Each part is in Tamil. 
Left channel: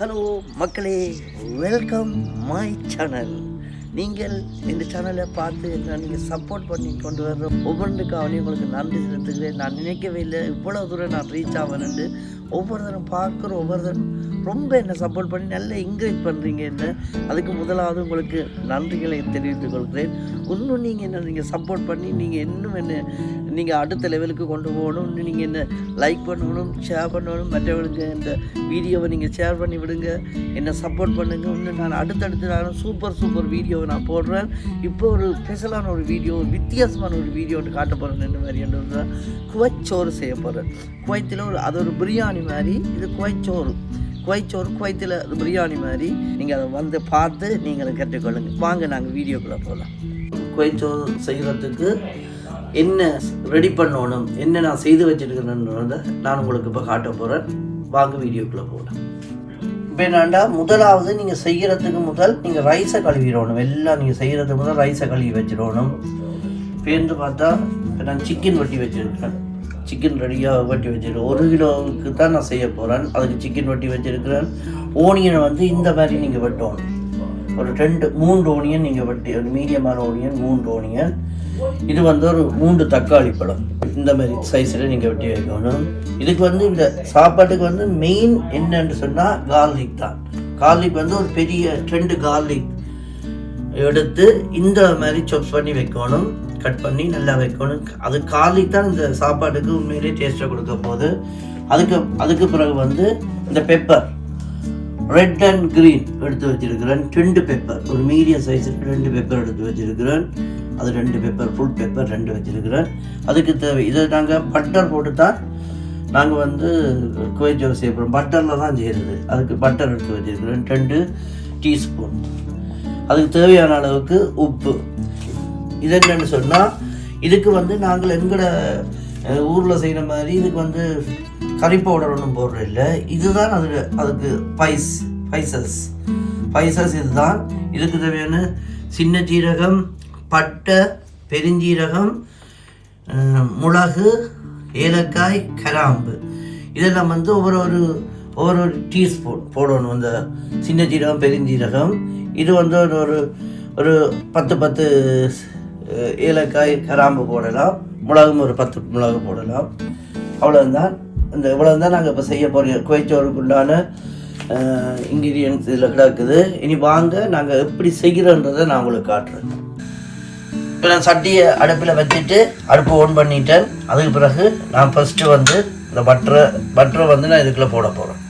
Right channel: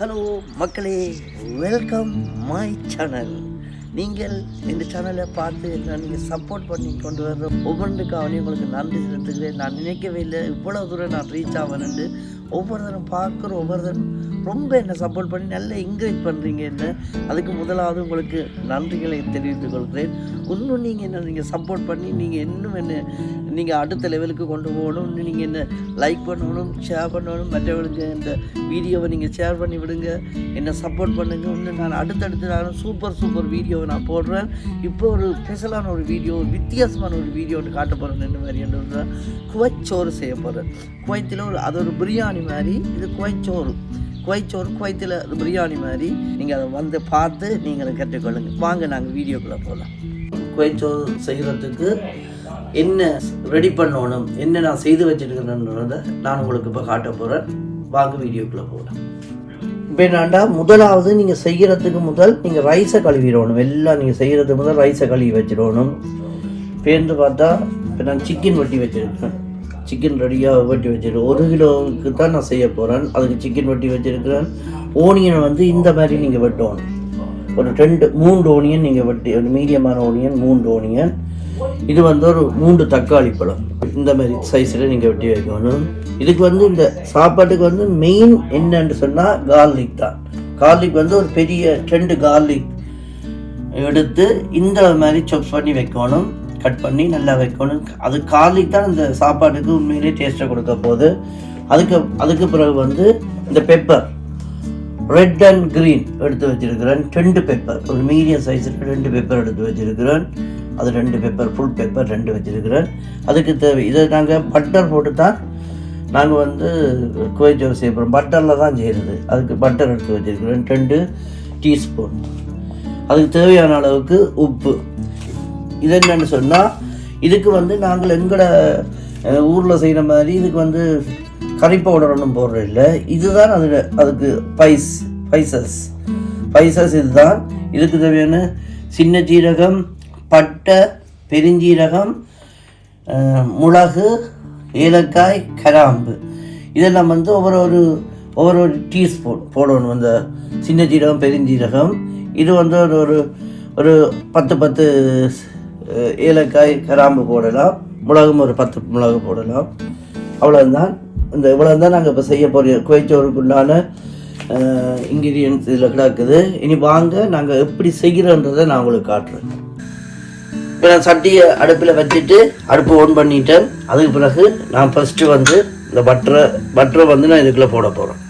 ஹலோ மக்களே, வெல்கம் மை சேனல். நீங்கள் இந்த சேனலை பார்த்து நீங்கள் சப்போர்ட் பண்ணி கொண்டு வர்ற ஒவ்வொன்றுக்காக உங்களுக்கு நன்றி செலுத்துகிறேன். நான் நினைக்கவே இல்லை இவ்வளோ தூரம் நான் ரீச் ஆவேன்ட்டு. ஒவ்வொரு தரம் பார்க்குற ஒவ்வொரு தரம் ரொம்ப என்னை சப்போர்ட் பண்ணி நல்லா என்கரேஜ் பண்ணுறீங்க. என்ன அதுக்கு முதலாவது உங்களுக்கு நன்றிகளை தெரிவித்துக் கொள்கிறேன். இன்னும் நீங்கள் சப்போர்ட் பண்ணி நீங்கள் இன்னும் என்ன நீங்கள் அடுத்த லெவலுக்கு கொண்டு போகணும். இன்னும் நீங்கள் என்ன லைக் பண்ணணும், ஷேர் பண்ணணும், மற்றவர்களுக்கு இந்த வீடியோவை நீங்கள் ஷேர் பண்ணி விடுங்க, என்னை சப்போர்ட் பண்ணுங்கள். இன்னும் நான் அடுத்தடுத்து நான் சூப்பர் வீடியோவை நான் போடுறேன். இப்போ ஒரு ஸ்பெஷலான ஒரு வீடியோ, வித்தியாசமான ஒரு வீடியோ ஒன்று காட்ட போகிறேன். என்ன மாதிரி என்ன குவைத் சோறு செய்ய போகிறேன். குவைத்தில் அது ஒரு பிரியாணி மாதிரி. இது குவைத் சோறு, குவைத்தில் அது பிரியாணி மாதிரி. நீங்கள் அதை வந்து பார்த்து நீங்கள் கற்றுக்கொள்ளுங்க. வாங்க நாங்கள் வீடியோக்குள்ளே போகலாம். குவைத் சோறு செய்கிறதுக்கு என்ன ரெடி பண்ணணும், என்ன நான் செய்து வச்சுருக்கிறேன்றதை நான் உங்களுக்கு இப்போ காட்ட போகிறேன். வாங்க வீடியோக்குள்ளே போகலாம். இப்போ என்னண்டா, முதலாவது நீங்கள் செய்கிறதுக்கு முதல் நீங்கள் ரைஸை கழுவிடணும். எல்லாம் நீங்கள் செய்கிறதுக்கு முதல் ரைஸை கழுவி வச்சிடணும். பேருந்து பார்த்தா இப்போ நான் சிக்கன் வெட்டி வச்சுருக்கிறேன். சிக்கன் ரெடியாக வெட்டி வச்சுருக்கேன். 1 கிலோவுக்கு தான் நான் செய்ய போகிறேன். அதுக்கு சிக்கன் வெட்டி வச்சுருக்கிறேன். ஓனியனை வந்து இந்த மாதிரி நீங்கள் வெட்டணும். ஒரு 3 ஓனியன் நீங்கள் வெட்டி, ஒரு மீடியமான ஓனியன் 3 ஓனியன். இது வந்து ஒரு 3 தக்காளி பழம் இந்த மாதிரி சைஸில் நீங்கள் வெட்டி வைக்கணும். இதுக்கு வந்து இந்த சாப்பாட்டுக்கு வந்து மெயின் என்னன்னு சொன்னால் கார்லிக் தான். கார்லிக் வந்து ஒரு பெரிய 2 கார்லிக் எடுத்து இந்த மாதிரி சாப் பண்ணி வைக்கணும், கட் பண்ணி நல்லா வைக்கணும். அது கார்லிக் தான் இந்த சாப்பாட்டுக்கு உண்மையிலே டேஸ்ட்டை கொடுக்க போகுது. அதுக்கு பிறகு வந்து இந்த பெப்பர் ரெட் அண்ட் க்ரீன் எடுத்து வச்சிருக்கிறேன். 2 பெப்பர், ஒரு மீடியம் சைஸில் 2 பெப்பர் எடுத்து வச்சிருக்கிறேன். அது 2 பெப்பர், ஃபுல் பெப்பர் 2 வச்சிருக்கிறேன். அதுக்கு தேவை இதை நாங்கள் பட்டர் போட்டு தான் நாங்கள் வந்து குவைத் சோறு செய்ய போகிறோம். பட்டரில் தான் செய்கிறது. அதுக்கு பட்டர் எடுத்து வச்சிருக்கிறேன் 2 டீஸ்பூன். அதுக்கு தேவையான அளவுக்கு உப்பு. இது என்னென்னு சொன்னால், இதுக்கு வந்து நாங்கள் எங்களோட ஊரில் செய்கிற மாதிரி இதுக்கு வந்து கறி பவுடர் ஒன்றும் போடுறது இல்லை. இதுதான் அதுக்கு ஸ்பைசஸ் இதுதான். இதுக்கு தேவையான சின்ன ஜீரகம், பட்டை, பெருஞ்சீரகம், மிளகு, ஏலக்காய், கிராம்பு இதெல்லாம் வந்து ஒவ்வொரு டீஸ்பூன் போடணும். அந்த சின்ன ஜீரகம், பெருஞ்சீரகம் இது வந்து ஒரு 10 ஏலக்காய், கிராம்பு போடலாம். மிளகும் ஒரு 10 மிளகு போடலாம். அவ்வளோதான். இவ்வளோதான் நாங்கள் இப்போ செய்ய போகிறோம். குவைத் சோறுக்குள்ளான இன்க்ரீடியன்ஸ் இதில் கிடக்குது. இனி வாங்க நாங்கள் எப்படி செய்கிறோன்றதை நான் உங்களுக்கு காட்டுறேன். இப்போ நான் சட்டியை அடுப்பில் வச்சுட்டு அடுப்பு ஓன் பண்ணிட்டேன். அதுக்கு பிறகு நான் ஃபஸ்ட்டு வந்து இந்த பட்டரை வந்து நான் இதுக்குள்ளே போட போகிறேன்.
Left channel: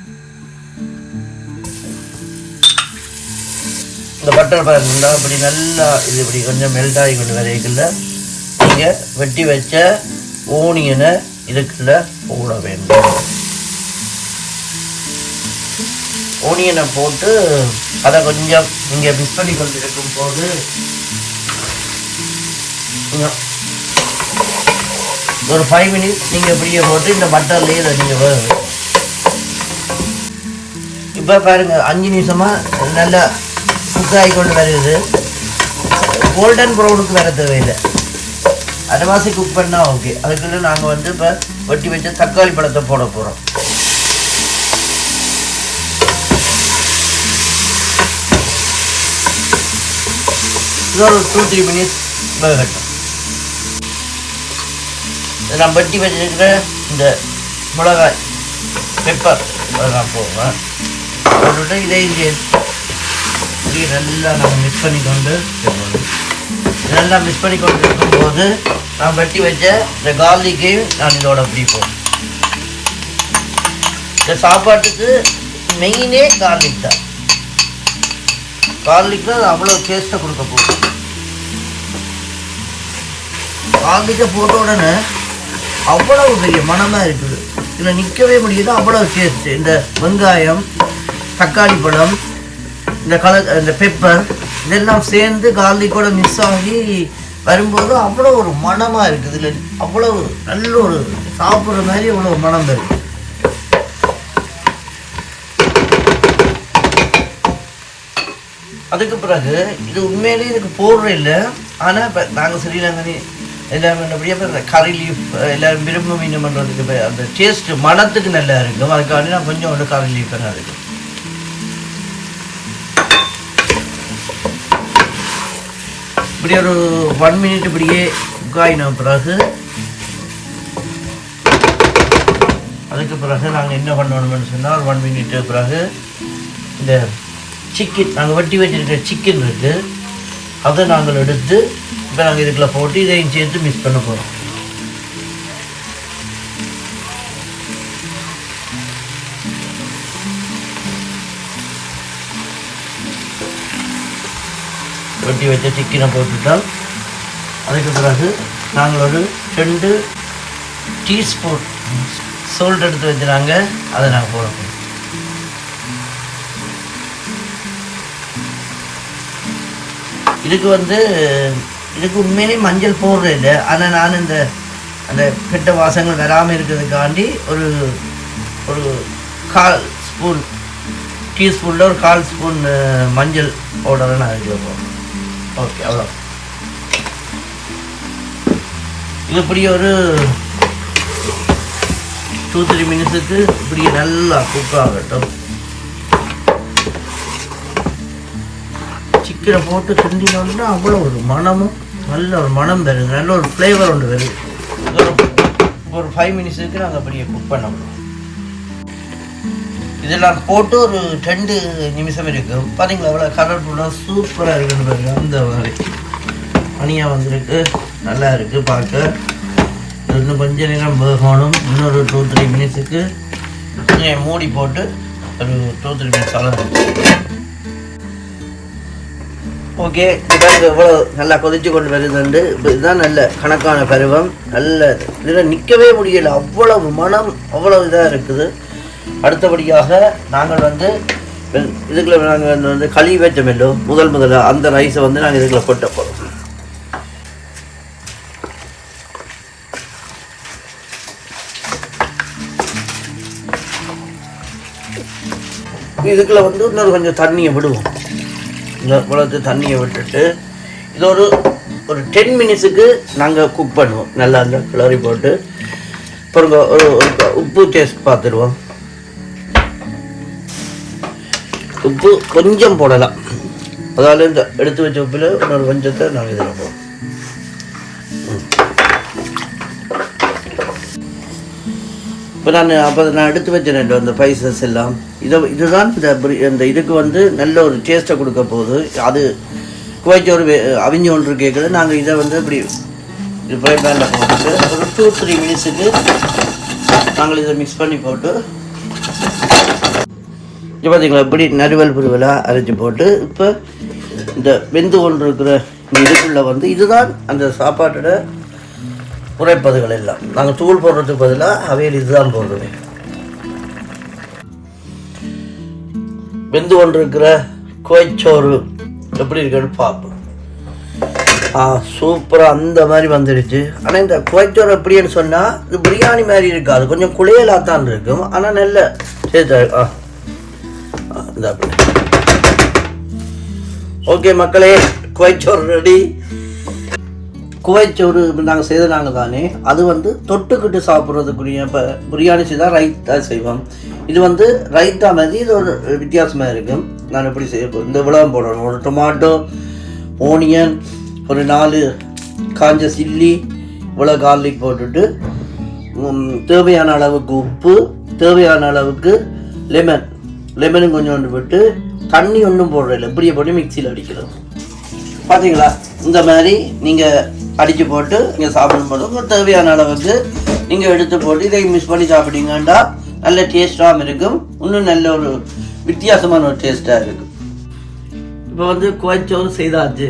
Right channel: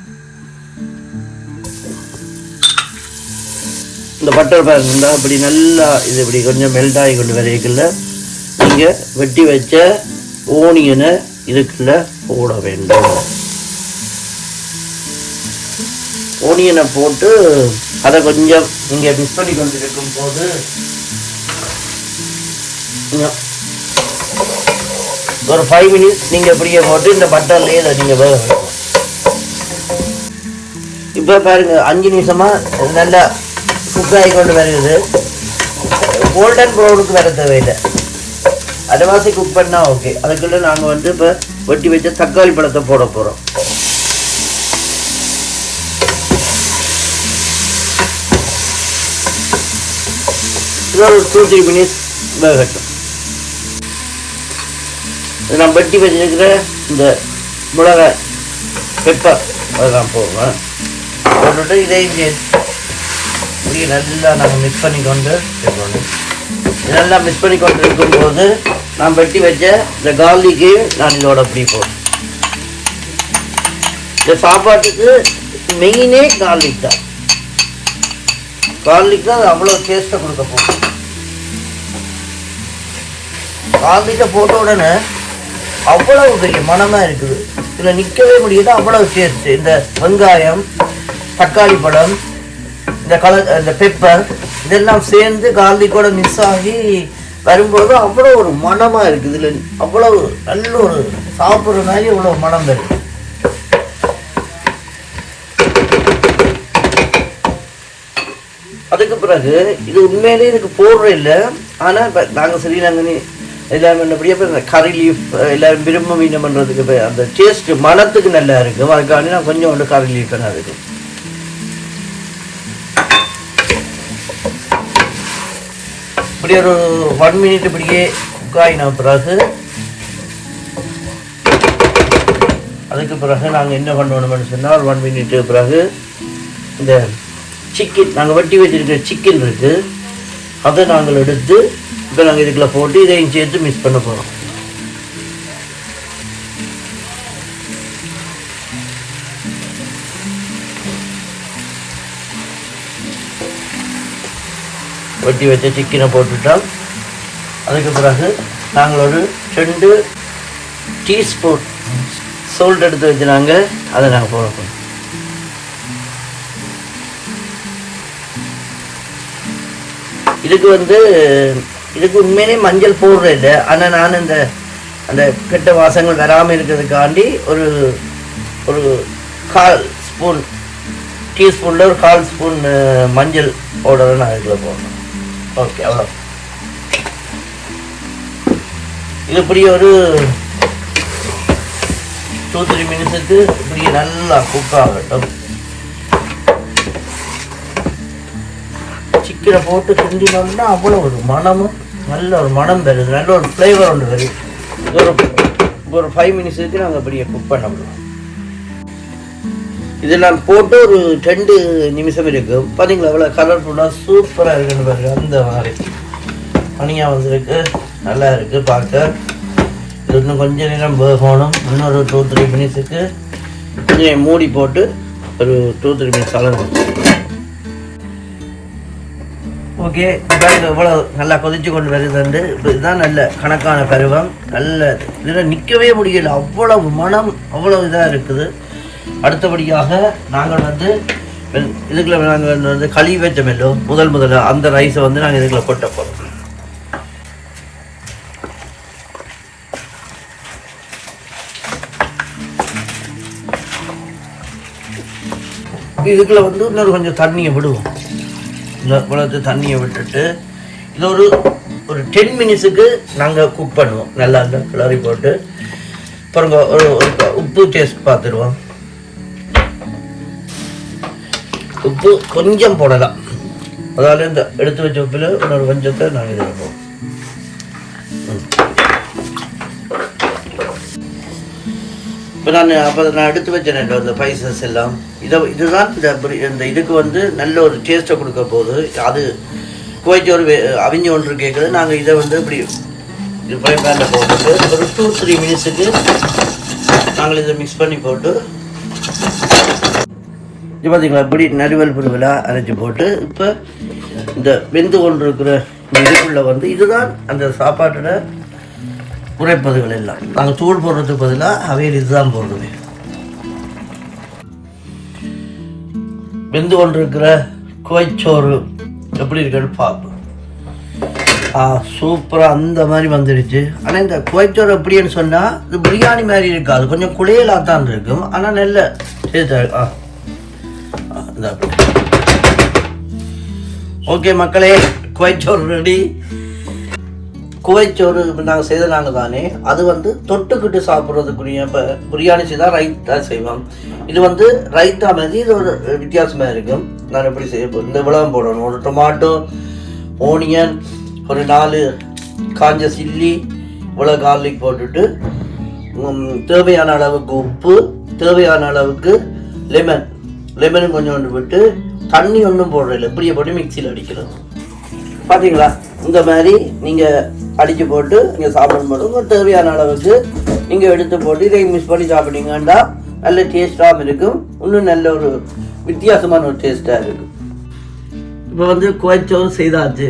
இந்த பட்டர் பாருங்க, இப்படி நல்லா இது இப்படி கொஞ்சம் மெல்ட் ஆகி கொண்டு வரைக்குள்ள நீங்கள் வெட்டி வச்ச ஓனியனை இதுக்குள்ள போட வேண்டும். ஓனியனை போட்டு அதை கொஞ்சம் நீங்கள் மிக்ஸ் பண்ணி கொண்டு இருக்கும் போது ஒரு 5 மினிட்ஸ் நீங்கள் இப்படியே போட்டு இந்த பட்டர்லேயே அதை நீங்கள் வேணும். இப்போ பாருங்கள், 5 நிமிஷமாக நல்லா குக் ஆகி கொண்டு வருது. கோல்டன் ப்ரௌனுக்கு வர தேவையில்லை, அரைவாசி குக் பண்ணால் ஓகே. அதுக்குள்ளே நாங்கள் வந்து இப்போ வெட்டி வச்ச தக்காளி பழத்தை போட போகிறோம். ஒரு 2-3 மினிட்ஸ் வேகட்டும். நான் வெட்டி வச்சிருக்கிற இந்த மிளகாய், பெப்பர் அதெல்லாம் போடுவேன். போட்டுட்டு இதையும் நல்லா நாங்கள் மிக்ஸ் பண்ணிக்கொண்டு நல்லா மிக்ஸ் பண்ணி கொண்டு இருக்கும்போது நான் வெட்டி வச்ச இந்த கார்லிக்கு நான் இதோட அப்படி போடுறேன். இந்த சாப்பாட்டுக்கு மெயினே கார்லிக் தான். கார்லிக் தான் அது அவ்வளோ டேஸ்ட்டை கொடுக்க போகும். கார்லிக்கை போட்ட உடனே அவ்வளவு பெரிய மனமாக இருக்குது. இதில் நிற்கவே முடியாது, அவ்வளோ டேஸ்ட்டு. இந்த வெங்காயம், தக்காளி பழம், இந்த பெப்பர் இதெல்லாம் சேர்ந்து கார்லிக்கோட மிக்ஸ் ஆகி வரும்போது அவ்வளோ ஒரு மனமாக இருக்குது. இதில் அவ்வளவு நல்ல ஒரு சாப்பிட்ற மாதிரி அவ்வளோ மனம் வருது. அதுக்கு பிறகு இது உண்மையிலே இதுக்கு போடுற இல்லை. ஆனால் இப்போ நாங்கள் ஸ்ரீலங்கனி எல்லாமே அப்படியே கறி லீஃப் எல்லோரும் விரும்ப மீன் பண்ணுறதுக்கு அந்த டேஸ்ட்டு மனத்துக்கு நல்லா இருக்கும். அதுக்காண்டி நான் கொஞ்சம் கறி லீஃப் என்ன இருக்கும். இப்படி ஒரு 1 மினிட் இப்படியே குக்காயின பிறகு அதுக்கு பிறகு நாங்கள் என்ன பண்ணணும்னு சொன்னால் ஒரு 1 மினிட் பிறகு இந்த சிக்கன் நாங்கள் வெட்டி வச்சுருக்கிற சிக்கன் இருக்குது, அதை நாங்கள் எடுத்து இப்போ நாங்கள் இதுக்குள்ளே போட்டு இதையும் சேர்த்து மிக்ஸ் பண்ண போகிறோம். வெட்டி வச்ச சிக்கனை போட்டுட்டால் அதுக்கு பிறகு நாங்கள் ஒரு 2 டீஸ்பூன் சால்ட் எடுத்து வச்சுனாங்க, அதை நாங்கள் போடணும். இதுக்கு உண்மையிலே மஞ்சள் போடுறது இல்லை, ஆனால் நான் அந்த கெட்ட வாசங்கள் வராமல் இருக்கிறதுக்காண்டி ஒரு 1/4 ஸ்பூன் டீஸ்பூனில் ஒரு 1/4 ஸ்பூன் மஞ்சள் பவுடரை நான் இதில் போடணும். ஓகே, அவ்வளோ. இது இப்படி ஒரு 2-3 மினிட்ஸுக்கு இப்படி நல்லா குக் ஆகட்டும். சிக்கனை போட்டு கிண்டினோம்னா அவ்வளோ ஒரு மனமும் நல்ல ஒரு மனம் வருது, நல்ல ஒரு ஃப்ளேவர் ஒன்று வருது. ஒரு 5 மினிட்ஸுக்கு நாங்கள் அப்படியே குக் பண்ண முடியும். இதெல்லாம் போட்டு ஒரு 2 நிமிஷம் இருக்குது. பார்த்தீங்களா அவ்வளோ கலர்ஃபுல்லாக சூப்பராக இருக்குன்னு பாருங்க. அந்த மாதிரி தனியாக வந்துருக்கு, நல்லா இருக்குது பார்க்க. இது இன்னும் கொஞ்சம் நேரம் வேகணும். இன்னொரு 2-3 மினிட்ஸுக்கு கொஞ்சம் மூடி போட்டு ஒரு 2-3 மினிட்ஸ் அளவு. ஓகே, எவ்வளோ நல்லா கொதிச்சு கொண்டு வருதுண்டு. இப்போ இதுதான் நல்ல கணக்கான பருவம். நல்ல இதில் நிற்கவே முடியலை, அவ்வளவு மனம், அவ்வளோ இதாக இருக்குது. அடுத்தபடியாக நாங்கள் இதுக்குள்ள நாங்கள் களி வச்சோமேலோ முதல் அந்த ரைஸை நாங்கள் இதுக்குள்ள கொட்ட போகிறோம். இதுக்குள்ள இன்னொரு கொஞ்சம் தண்ணியை விடுவோம். இந்த குளத்து தண்ணியை விட்டுட்டு இது ஒரு 10 மினிட்ஸுக்கு நாங்கள் குக் பண்ணுவோம். நல்லா அந்த கிளறி போட்டு அப்புறம் ஒரு உப்பு டேஸ்ட் பார்த்துருவோம். உப்பு கொஞ்சம் போடலாம், அதாவது இந்த எடுத்து வச்ச உப்பில் இன்னொரு கொஞ்சத்தை நாங்கள் இதில் போடுவோம். இப்போ நான் எடுத்து வச்சேன் அந்த ஸ்பைசஸ் எல்லாம். இதுதான் இந்த இதுக்கு நல்ல ஒரு டேஸ்ட்டை கொடுக்க போகுது. அது குவைட் ஒரு அவிஞ்சு ஒன்று கேட்குறது. நாங்கள் இதை இப்படி ஃப்ரை பேனில் போட்டு ஒரு 2-3 மினிட்ஸுக்கு நாங்கள் இதை மிக்ஸ் பண்ணி போட்டு இப்போ பார்த்தீங்களா இப்படி நறுவல் புருவலாக அரைச்சி போட்டு இப்போ இந்த வெந்து கொண்டு இருக்கிற இதுக்குள்ளே இதுதான் அந்த சாப்பாட்டோட குறைப்பதுகள் எல்லாம். நாங்கள் தூள் போடுறதுக்கு பதிலாக அவையில் இதுதான் போடுவேன். வெந்து கொண்டிருக்கிற கோய்ச்சோறு எப்படி இருக்குன்னு பார்ப்போம். சூப்பராக அந்த மாதிரி வந்துடுச்சு. ஆனால் இந்த கோய்ச்சோறு எப்படின்னு சொன்னால் இது பிரியாணி மாதிரி இருக்காது, கொஞ்சம் குளியலாக தான் இருக்கும். ஆனால் நல்ல டேஸ்டாக. ஓகே மக்களே, கோய்ச்சோறு ரெடி. குவைச்சோறு நாங்கள் செய்தனாங்க தானே, அது தொட்டுக்கிட்டு சாப்பிட்றதுக்குரிய. இப்போ பிரியாணி செய்தால் ரைத்தா செய்வோம். இது ரைத்தா மாதிரி இது ஒரு வித்தியாசமாக இருக்கும். நான் எப்படி செய்ய இந்த விளம் போடணும். ஒரு டொமாட்டோ, ஓனியன், ஒரு 4 காஞ்ச சில்லி, இவ்வளோ கார்லிக் போட்டுட்டு தேவையான அளவுக்கு உப்பு, தேவையான அளவுக்கு லெமனும் கொஞ்சோண்டு விட்டு தண்ணி ஒன்றும் போடுறதில்ல, இப்படியே போட்டு மிக்சியில் அடிக்கிறோம். பார்த்தீங்களா இந்த மாதிரி நீங்கள் அடித்து போட்டு நீங்கள் சாப்பிடும்போது உங்களுக்கு தேவையான அளவுக்கு நீங்கள் எடுத்து போட்டு இதை மிக்ஸ் பண்ணி சாப்பிட்டீங்கன்னா நல்ல டேஸ்டாகவும் இருக்கும். இன்னும் நல்ல ஒரு வித்தியாசமான ஒரு டேஸ்ட்டாக இருக்கும். இப்போ கோய்ச்சோறு செய்தாச்சு.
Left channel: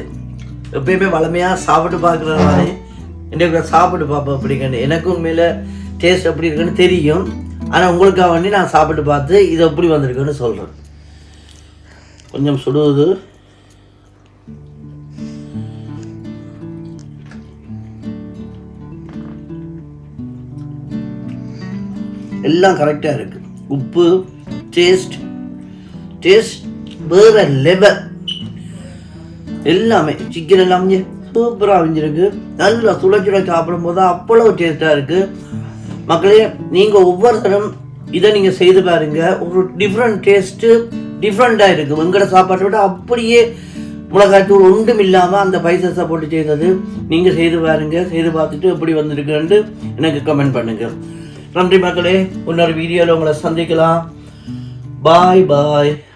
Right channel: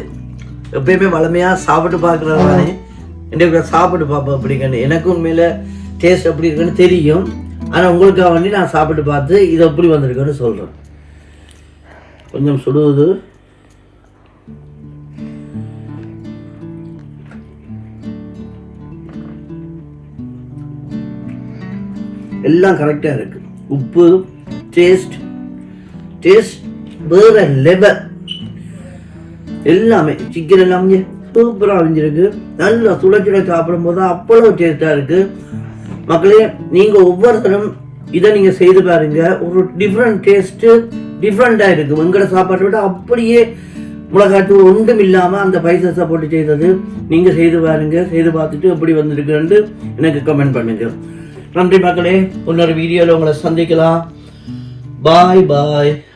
எப்பயுமே வளமையாக சாப்பிட்டு பார்க்குறதானே எனக்கு சாப்பிட்டு பார்ப்பேன் அப்படிங்கன்னு. எனக்கும் உண்மையில் டேஸ்ட் எப்படி இருக்குன்னு தெரியும். ஆனால் உங்களுக்காக நான் சாப்பிட்டு பார்த்து இது எப்படி வந்திருக்குன்னு சொல்கிறேன். கொஞ்சம் சுடுவது. எல்லாம் கரெக்டாக இருக்கு. உப்பு, டேஸ்ட் வேற லெவல். எல்லாமே சிக்கன் எல்லாமே சூப்பராக அவிஞ்சிருக்கு. நல்லா சுட சாப்பிடும் போது அவ்வளோ டேஸ்டாக இருக்கு. மக்களே, நீங்கள் ஒவ்வொருத்தரும் இதை நீங்கள் செய்து பாருங்க. ஒரு டிஃப்ரெண்ட் டேஸ்ட்டு டிஃப்ரெண்ட்டாக இருக்குது. வெங்கட சாப்பாட்டை விட அப்படியே மிளகாய்த்தூள் ஒன்றும் இல்லாமல் அந்த பைசஸை போட்டு செய்தது நீங்கள் செய்து பாருங்க, செய்து பார்த்துட்டு எப்படி வந்திருக்குன்னு எனக்கு கமெண்ட் பண்ணுங்க. நன்றி மக்களே, இன்னொரு வீடியோவில் உங்களை சந்திக்கலாம். பாய் பாய்.